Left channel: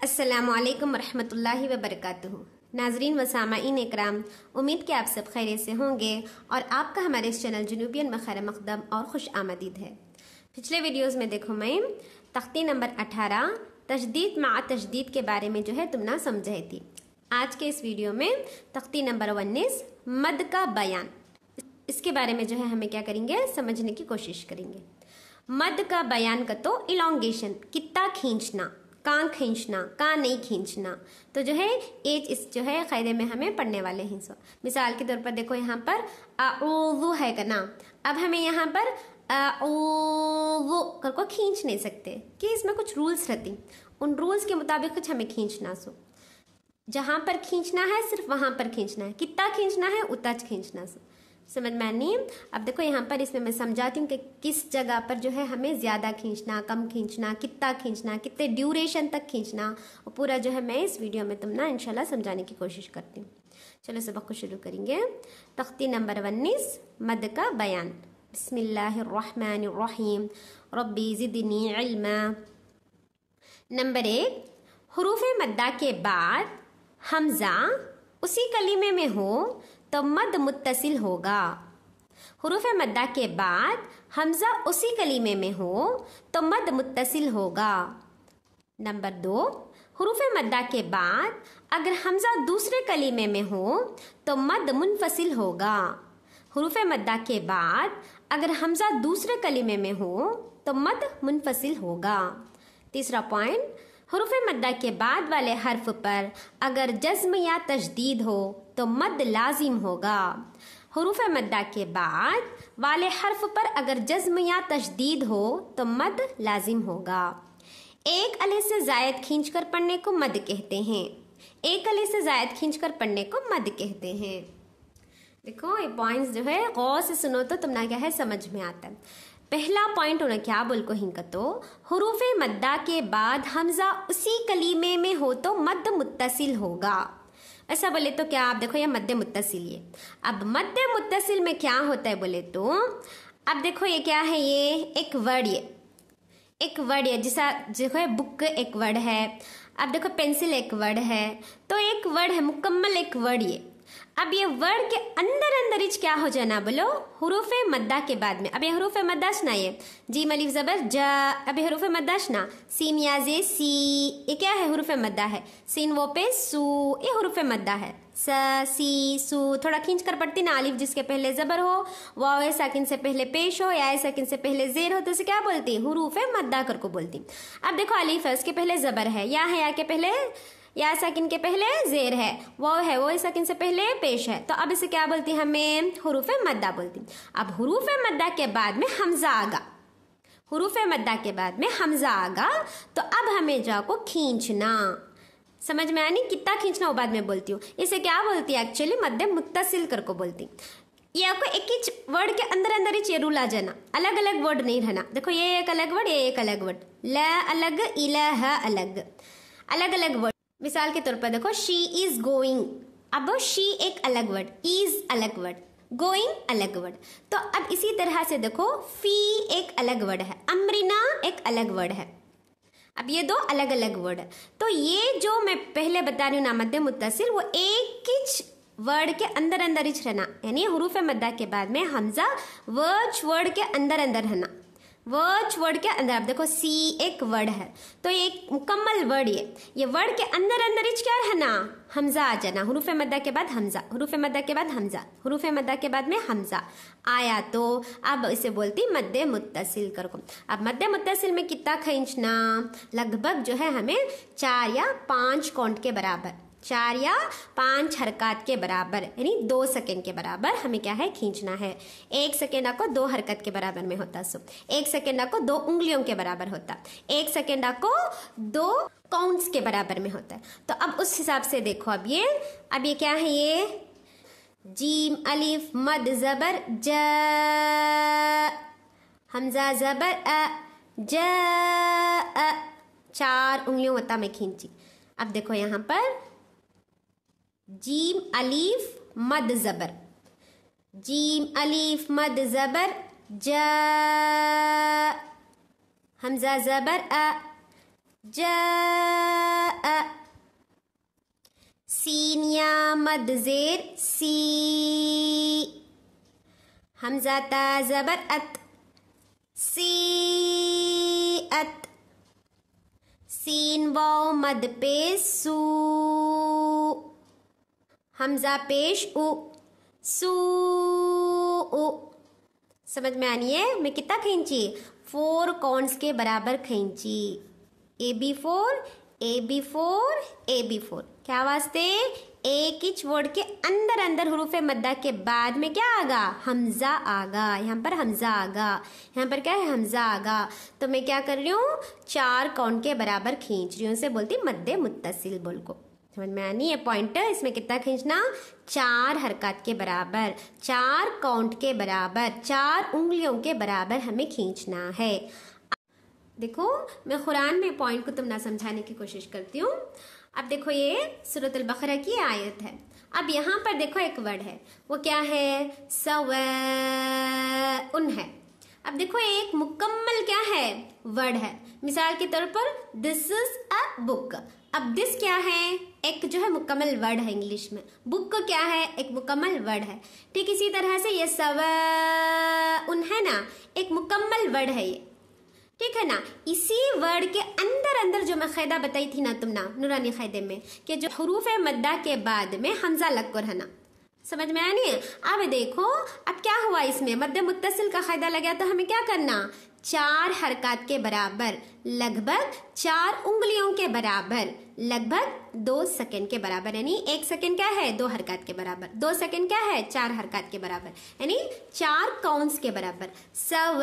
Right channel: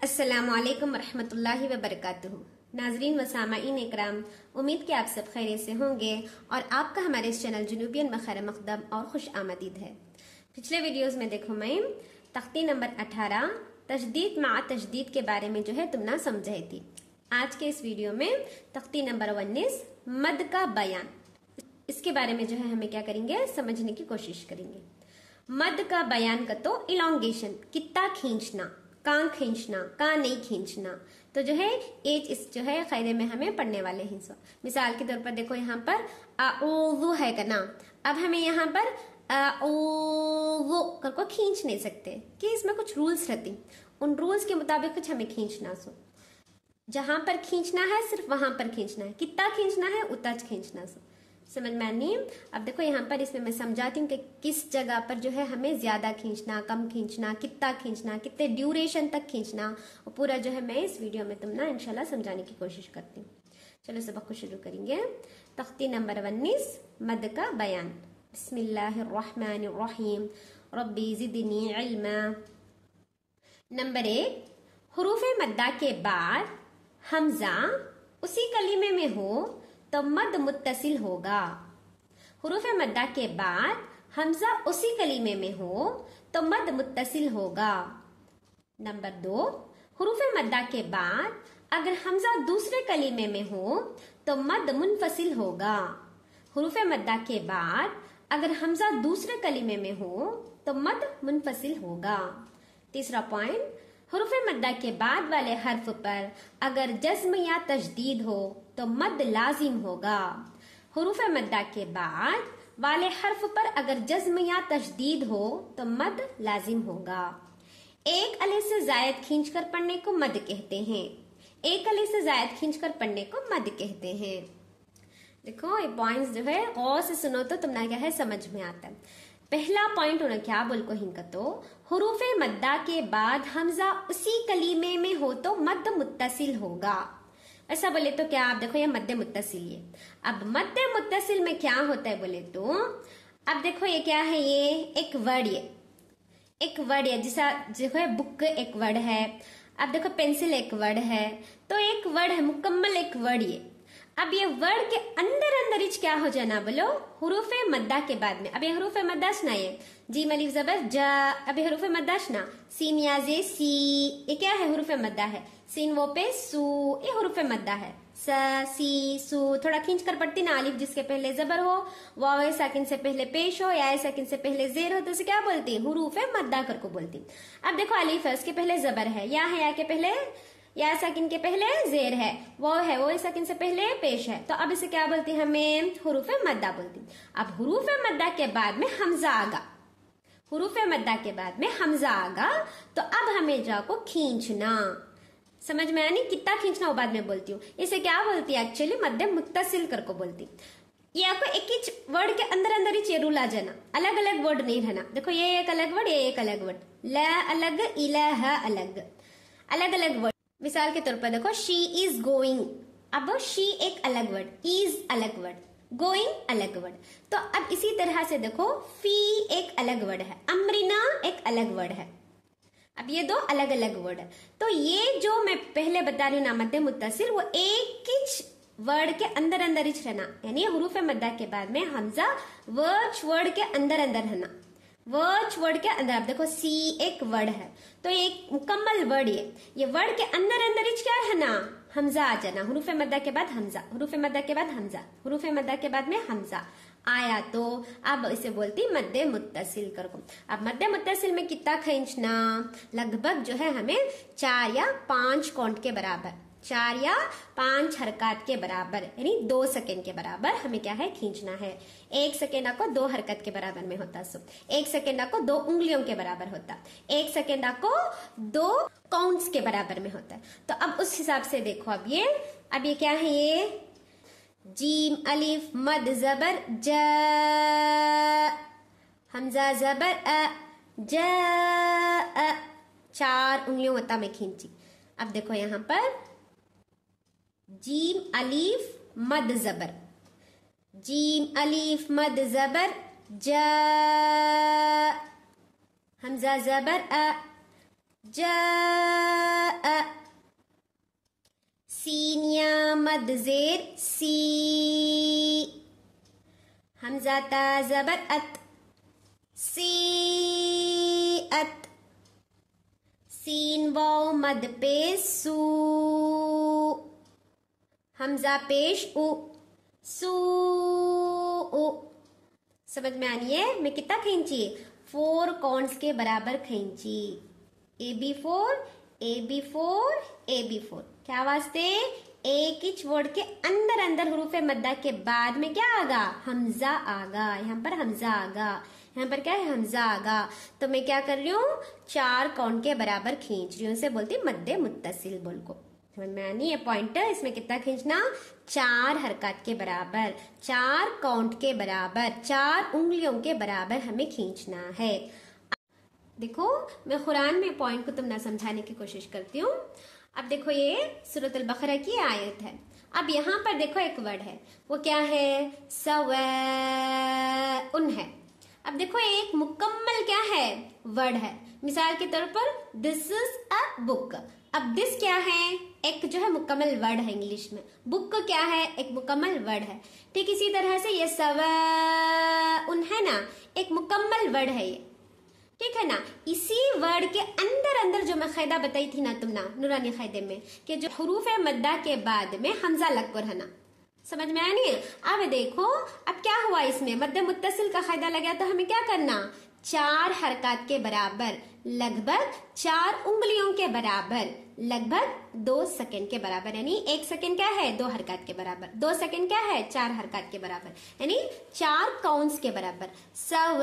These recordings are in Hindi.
अस्सलामुअलैकुम रहमतुल्लाहि व बरकातुहू। नाजरीन व सामाईन इकराम, उम्मीद कि आप सब खैरियत से होंगे और आपका हमारे इस चैनल जुनूबियन में खैर मकदम और खुश आमदीद है। पिछले वीडियोस में देखो मैं तख्ती नंबर 18 तजदीद मा तजदीद के बारे में जो है तुम ना समझाई थी। आज के इस वीडियो में तख्ती नंबर 19 मद का बयान, इसके बारे में जो है हमें क्या करेंगे समझने की कोशिश करेंगे। मद का बयान का तो इलोंगेशन, कितना खींचना, कहाँ खींचना, कहाँ नहीं खींचना, तो जो है एज इस जो है कायदे में हमें पढ़ने वाले हैं। सो मिसाल के तौर पर देखो यहाँ पर वो है का ना, अब हमें यहाँ पर वो कर को खींच नहीं सकते कि इसमें कुछ रूल्स रहती, उन रूल्स के मुताबिक कुछ हमें खींचना। सो जहां पर खींचना है सिर्फ वहां पर खींचना है, कितना खींचना है उतना खींचना। सो समझ में नहीं। अब देखो यहाँ पर इसमें मैं समझाती हूँ कि किस जगह पर जो है हमें ज्यादा खींचना, कम खींचना, कितना खींचना, कितने ड्यूरेशन तक खींचना, और पूरा जो है मैं इस वीडियो में तुम ना इंशाल्लाह समझाने की कोशिश करती हूँ। चलो सबक को शुरू करेंगे। तख्ती नंबर 19 मद का बयान। बिस्मिल्लाहिर्रहमानिर्रहीम, रब्बी ज़िदनी इल्मा। नंबर 1, हुरूफ मद्दा के बाद हमजा उसी कलीमे में हो तो मद मुत्तसिल होगा। हुरूफ मद्दा के बाद हमजा उसी कलीमे में हो तो मद मुत्तसिल होगा। नंबर 2, हुरूफ मद्दा के बाद अगर हमजा दूसरे कलीमे में हो तो मद मुनफसिल होगा। हुरूफ मद्दा के बाद अगर हमजा दूसरे कलीमे में हो तो मद मुनफसिल होगा। तीसरा पॉइंट, हुरूफ मद्दा के बाद वाले हर्फ पर अगर जज्म या तजदीद हो तो मद लाजिम होगा। हुरूफ मद्दा के बाद वाले हर्फ पर अगर जज्म या तजदीद हो तो मद लाजिम होगा। एक अले से जायद खींचकर पढ़ने को मद कहते हैं। एक अले से जायद खींचकर पढ़ने को मद कहते हैं। देखो ये पॉइंट्स जो है गौर से सुनो तो तुम ना क्या है समझ में आता है। पहला पॉइंट उन्हें क्या बोल को हिंका तो हुरूफ मद्दा के बाद हमजा उसी कलीमे में हो तो मद मुत्तसिल होगा। ऐसा बोले तो क्या, आप देखो ये मद्दे मुत्तसिल है। अब मद्दे मुत्तसिल में क्या होता है बोले तो अब देखो ये क्या है, ये एक वर्ड, ये एक वर्ड है जैसा देखो है बुक एक वर्ड है, अब देखो पेंसिल एक वर्ड है, तो एक वर्ड है मुकम्मल एक वर्ड ये। अब ये वर्ड के अंदर अंदर इच क्या हो जाना बोलो हुरूफ मद्दा के बाद में। अब ये हुरूफ मद्दाश ना, ये जीम अलिफ जबर जा, अब ये हुरूफ मद्दाश ना, सीन या जे सी, ये क्या है हुरूफ मद्दा है। सीन वो पे सू, ये हुरूफ मद्दा है। स सी सू थोड़ा खींच कर पढ़ती ना, अलिफ जिसके पहले जबर हो, वाव साकिन से पहले पेश हो, या साकिन से पहले जेर हो, तो उसे क्या बोलती हुरूफ मद्दा कर को बोलती। अब देखो अलिफ है उसके पहले जबर है, या है या के पहले या साकिन के पहले जेर है, वो है वो साकिन से पहले पेश है, तो अब इसे क्या बोलती हमें हुरूफ मद्दा बोलती। अब हुरूफ मद्दा के बाद में हमजा आगा, हुरूफ मद्दा के बाद में हमजा आगा, तो अब हमें जाको खींचना। समझ में आनी, कितना खींचना वो बाद में बोलती हूँ। इसे क्या बोलती है एक्चुअली मद्दे मुत्तसिल कर को बोलती। ये आपको एक ही वर्ड के अंदर अंदर ही रूल आ जाना, अलग अलग वर्ड नहीं रहना। देखो ये एक अलग वर्ड, ये एक अलग वर्ड, ला अलग, इलाहा अलग, अलग अलग वर्ड। मिसाल के तौर पर देखो शी इज गोइंग, अब शी एक अलग वर्ड, इज अलग वर्ड, गोइंग अलग वर्ड। तो अब इसी तरह से देखो फी एक अलग वर्ड है, अमरीना एक अलग वर्ड है। अब ये दो अलग अलग वर्ड है। तो ये जो मैं पहले बता रही हूँ ना मद्दे मुत्तसिल, वो एक ही वर्ड के अंदर अंदर ही रहना, यानी हुरूफ मद्दा के बाद में हमजा वर्ड के अंदर अंदर रहना, वर्ड के अंदर। आप देखो सी एक वर्ड है, तो ये एक मुकम्मल वर्ड, ये वर्ड के अंदर अंदर ही क्या है ना हमजा आ जाना। हुरूफ मद्दा के बाद हमजा, हुरूफ मद्दा के बाद हमजा, हुरूफ मद्दा के बाद में हमजा आया, तो अब इसे बोलती मद्दे मुत्तसिल कर को। अब मद्दे मुत्तसिल में कितना खींचना, लगभग जो है हमें 4 या 5 काउंट के बराबर, 4 या 5 हरकत के बराबर, यानी 2 सेकेंड के बराबर हमें क्या है खींचना है। 1 सेकेंड आपको 2 हरकत के बराबर में होता। सो 1 सेकेंड आपको 2 उंगलियों के बराबर होता, 1 सेकेंड आपको 2 काउंट्स के बराबर में होता है। तो अब उस हिसाब से देखो, अब ये क्या है, ये जीम अलिफ मद जबर ज, हमजा जबर अ, ज 4 उंगलियों होता में खींची। अब देखो यहाँ पर जीम अलीफ मद जबर, जीम अलीफ मद जबर ज, हमजा जबर अ, जा मद ज़ेर सी, हमज़ा ता ज़बर अत, सी अत, सीन वाव मद पेश सू, हमज़ा पेश उ, सू उ। समझ में आनी है? मैं कितना खींची? 4 कॉन्स के बराबर खींची। AB4 AB4 AB4। क्या वास्ते? एक ही वर्ड के अंदर अंदर हुरूफे मद्दा के बाद में क्या आगा? हमजा आगा। यहाँ पर हमजा आगा, यहाँ पर क्या है? हमजा आगा। तो मैं क्या कर रही हूँ? 4 काउंट के बराबर खींच रही हूँ। इसे बोलती मद्दे मुत्तसिल बोल को। समझ में आनी है? पॉइंटर इसमें कितना खींचना? 4 हरकत के बराबर, 4 काउंट के बराबर, 4 उंगलियों के बराबर हमें खींचना है। देखो मैं कुरान में पॉइंट को तुम ना समझाने की कोशिश करती हूँ। अब देखो ये सूरत अल बकरा की आयत है। अब यहाँ पर देखो एक वर्ड है, वो क्या है? सवाउन है। अब देखो एक मुकम्मल क्या है? वर्ड है। मिसाल के तौर पर दिस इज अ बुक। अब दिस क्या है? एक जो है मुकम्मल वर्ड है इंग्लिश में। बुक क्या है? एक मुकम्मल वर्ड है। ठीक इसी तरह से ये सवाउन है ना, एक मुकम्मल वर्ड है ये। ठीक है ना? इसी वर्ड के अंदर अंदर जो मैं कायदा बताई थी ना तुम ना नूरानी कायदे में, कि जो हुरूफ मद्दा के बाद में हमजा लग कर है ना। समझ में आया नहीं? अब देखो अब क्या हुआ इसमें? मद्दे मुत्तसिल का कायदा लगा तो हमें क्या करना? 4 हरकत के बराबर, लगभग 4 उंगलियों के बराबर, लगभग 2 सेकंड के बराबर, यानी 1 सेकंड क्या है? 2 हरकत के बराबर, 2 सेकंड क्या है? 4 हरकत के बराबर, यानी 4 काउंट्स के बराबर। सवाउन,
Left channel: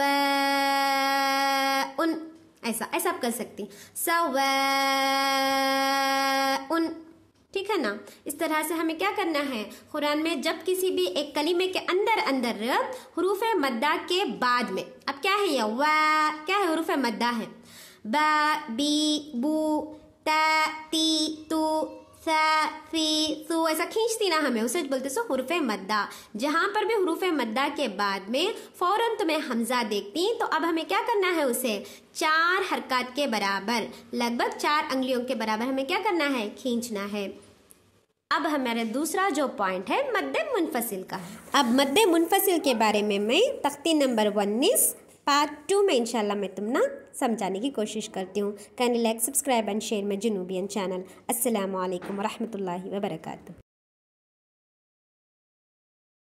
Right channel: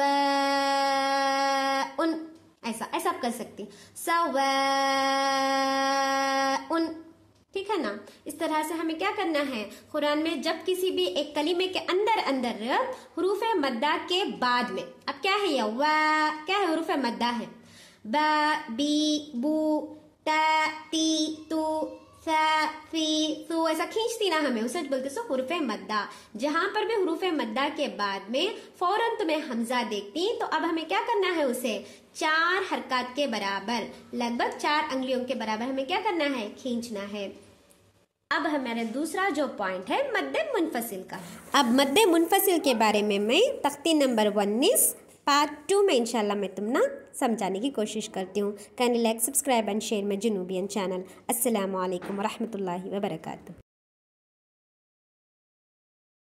ऐसा ऐसा आप कर सकती। सवाउन, ठीक है ना? इस तरह से हमें क्या करना है? कुरान में जब किसी भी एक कलीमे के अंदर अंदर हुरूफ मद्दा के बाद में, अब क्या है ये? वा क्या है? हुरूफ मद्दा है। बा, बी, बू, ता, ती, तू, सा, फी, सू, ऐसा खींचती ना हमें, उसे बोलते सो हुरूफ मद्दा। जहां पर भी हुरूफ मद्दा के बाद में फौरन तुम्हें हमजा देखती, तो अब हमें क्या करना है? उसे 4 हरकत के बराबर, लगभग 4 अंगुलियों के बराबर हमें क्या करना है? खींचना है। अब हमारा दूसरा जो पॉइंट है मद्दे मुनफसिल का। अब मद्दे मुनफसिल के बारे में मैं तख्ती नंबर 19 पार्ट 2 में इंशाल्लाह मैं तुम ना समझाने की कोशिश करती हूँ। Kindly like, subscribe and share my जुनूबियन चैनल। अस्सलामु अलैकुम व रहमतुल्लाहि व बरकातुहू।